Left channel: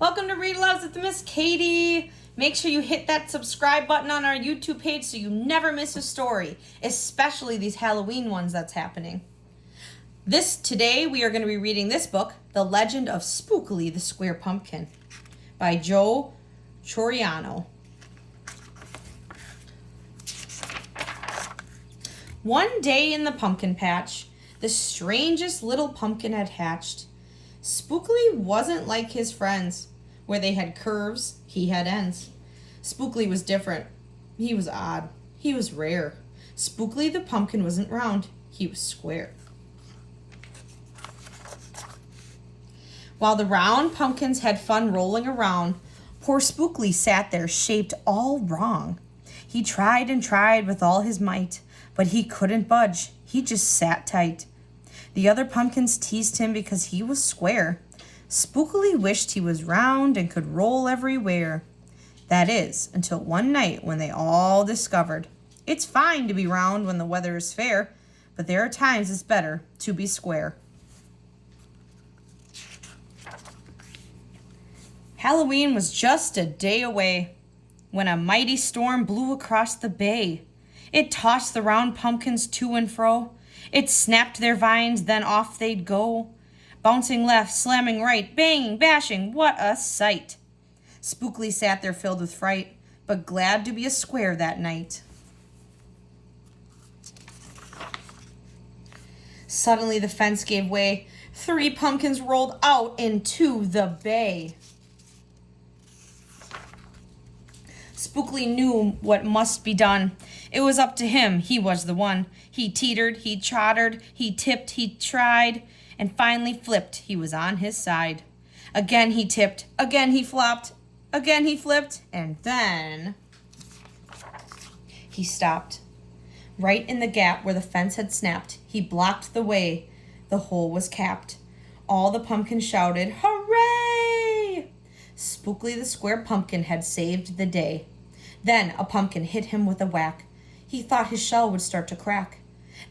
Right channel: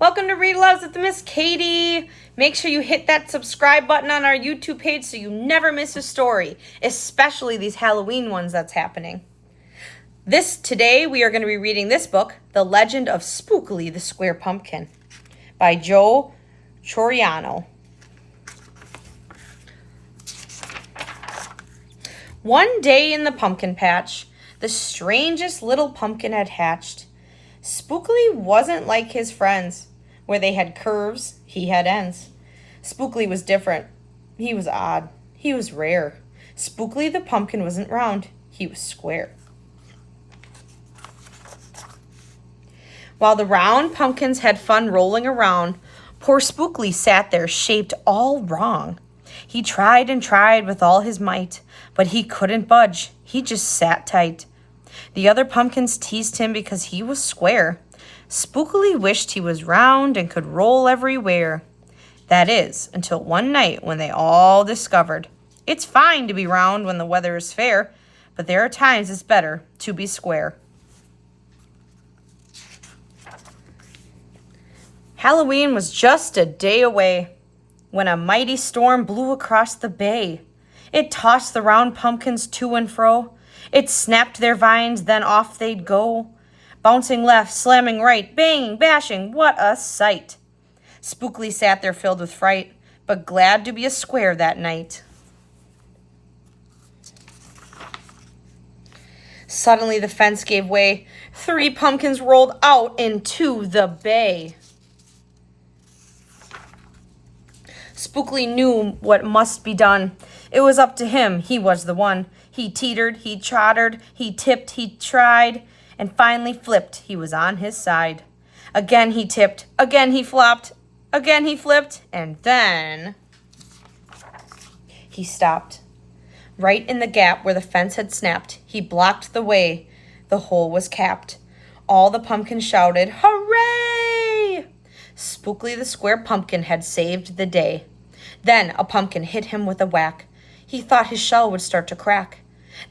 Welcome to Read-Aloud with Miss Katie. Make sure you hit that subscribe button on our YouTube page so you never miss a story, especially these Halloween ones that's happening. Today we are going to be reading this book, The Legend of Spookley the Square Pumpkin by Joe Troiano. One day in the pumpkin patch, the strangest little pumpkin had hatched. Spookley wasn't like his friends. Where they had curves, he had ends. Spookley was different. He was odd. He was rare. Spookley the pumpkin wasn't round. He was square. While the round pumpkins had fun rolling around, poor Spookley sat there shaped all wrong. He tried and tried with all his might, but he couldn't budge. He just sat tight. The other pumpkins teased him because he was square. Spookley wished he was round and could roll everywhere. That is, until one night when they all discovered it's fine to be round when the weather is fair, but there are times it's better to be square. Halloween was just a day away when a mighty storm blew across the bay. It tossed the round pumpkins to and fro. It snapped their vines, then off they'd go. Bouncing left, slamming right, banging, bashing, what a sight. Spookley sat there filled with fright, but glad to be a square that night. Suddenly the fence gave way. 3 pumpkins rolled out into the bay. Spookley knew what must be done. It was up to him. He was the one. He teetered, he tottered, he tipped, he tried, and finally flipped. He was on his side. Again he tipped, again he flopped, again he flipped, and then he stopped. Right in the gap where the fence had snapped, he blocked the way. The hole was capped. All the pumpkins shouted, "Hooray!" Spookley the square pumpkin had saved the day. Then a pumpkin hit him with a whack. He thought his shell would start to crack.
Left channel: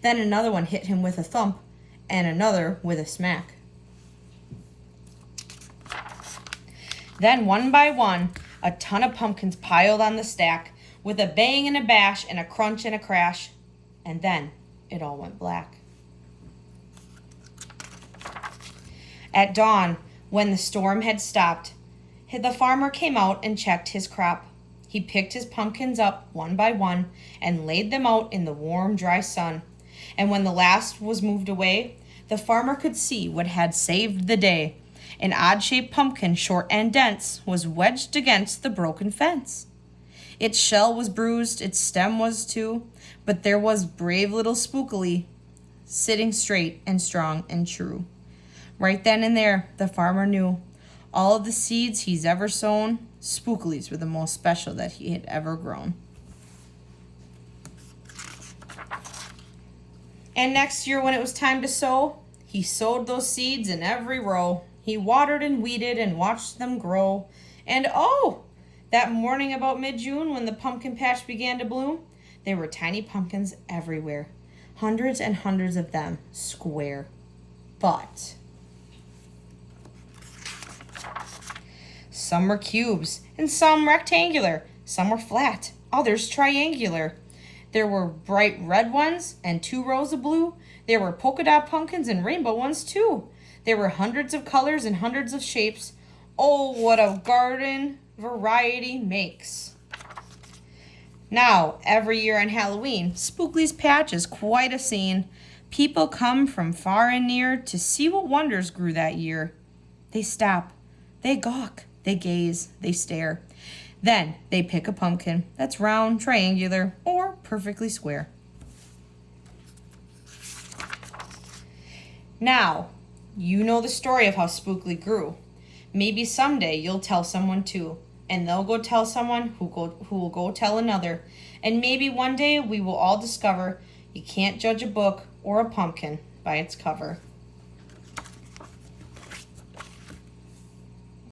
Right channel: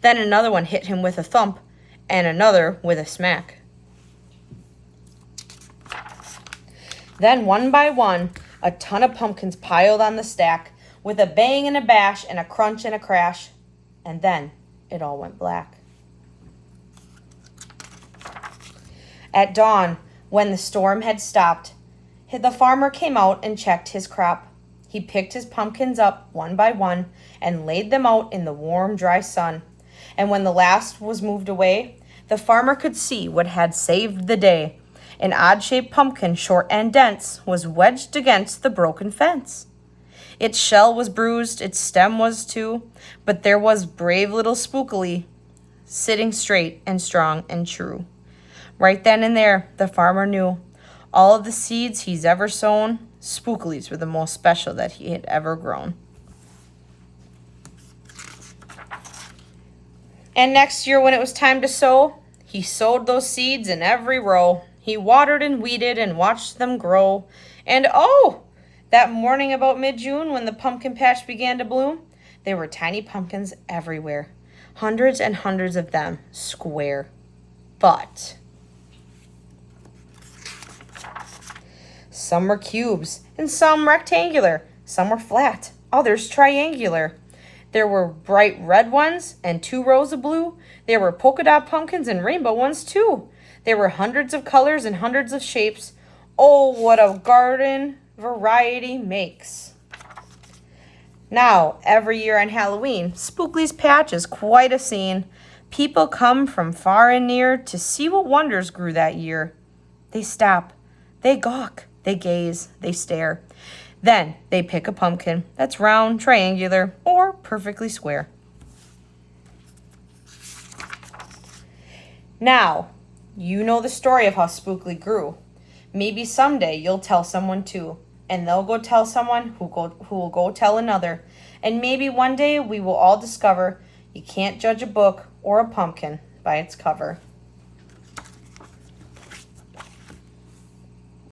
Then another one hit him with a thump, and another with a smack. Then one by one, a ton of pumpkins piled on the stack, with a bang and a bash and a crunch and a crash, and then it all went black. At dawn, when the storm had stopped, the farmer came out and checked his crop. He picked his pumpkins up one by one and laid them out in the warm, dry sun. And when the last was moved away, the farmer could see what had saved the day. An odd-shaped pumpkin, short and dense, was wedged against the broken fence. Its shell was bruised, its stem was too, but there was brave little Spookley, sitting straight and strong and true. Right then and there, the farmer knew all of the seeds he's ever sown, Spookley's were the most special that he had ever grown. And next year when it was time to sow, he sowed those seeds in every row. He watered and weeded and watched them grow. And oh, that morning about mid-June when the pumpkin patch began to bloom, there were tiny pumpkins everywhere. Hundreds and hundreds of them, square. But some were cubes and some rectangular. Some were flat, others triangular. There were bright red ones and 2 rows of blue. There were polka dot pumpkins and rainbow ones too. There were hundreds of colors and hundreds of shapes. Oh, what a garden variety makes. Now, every year on Halloween, Spookley's Patch is quite a scene. People come from far and near to see what wonders grew that year. They stop, they gawk, they gaze, they stare. Then they pick a pumpkin that's round, triangular, or perfectly square. Now, you know the story of how Spookley grew. Maybe someday you'll tell someone too, and they'll go tell someone who will go tell another. And maybe one day we will all discover you can't judge a book or a pumpkin by its cover.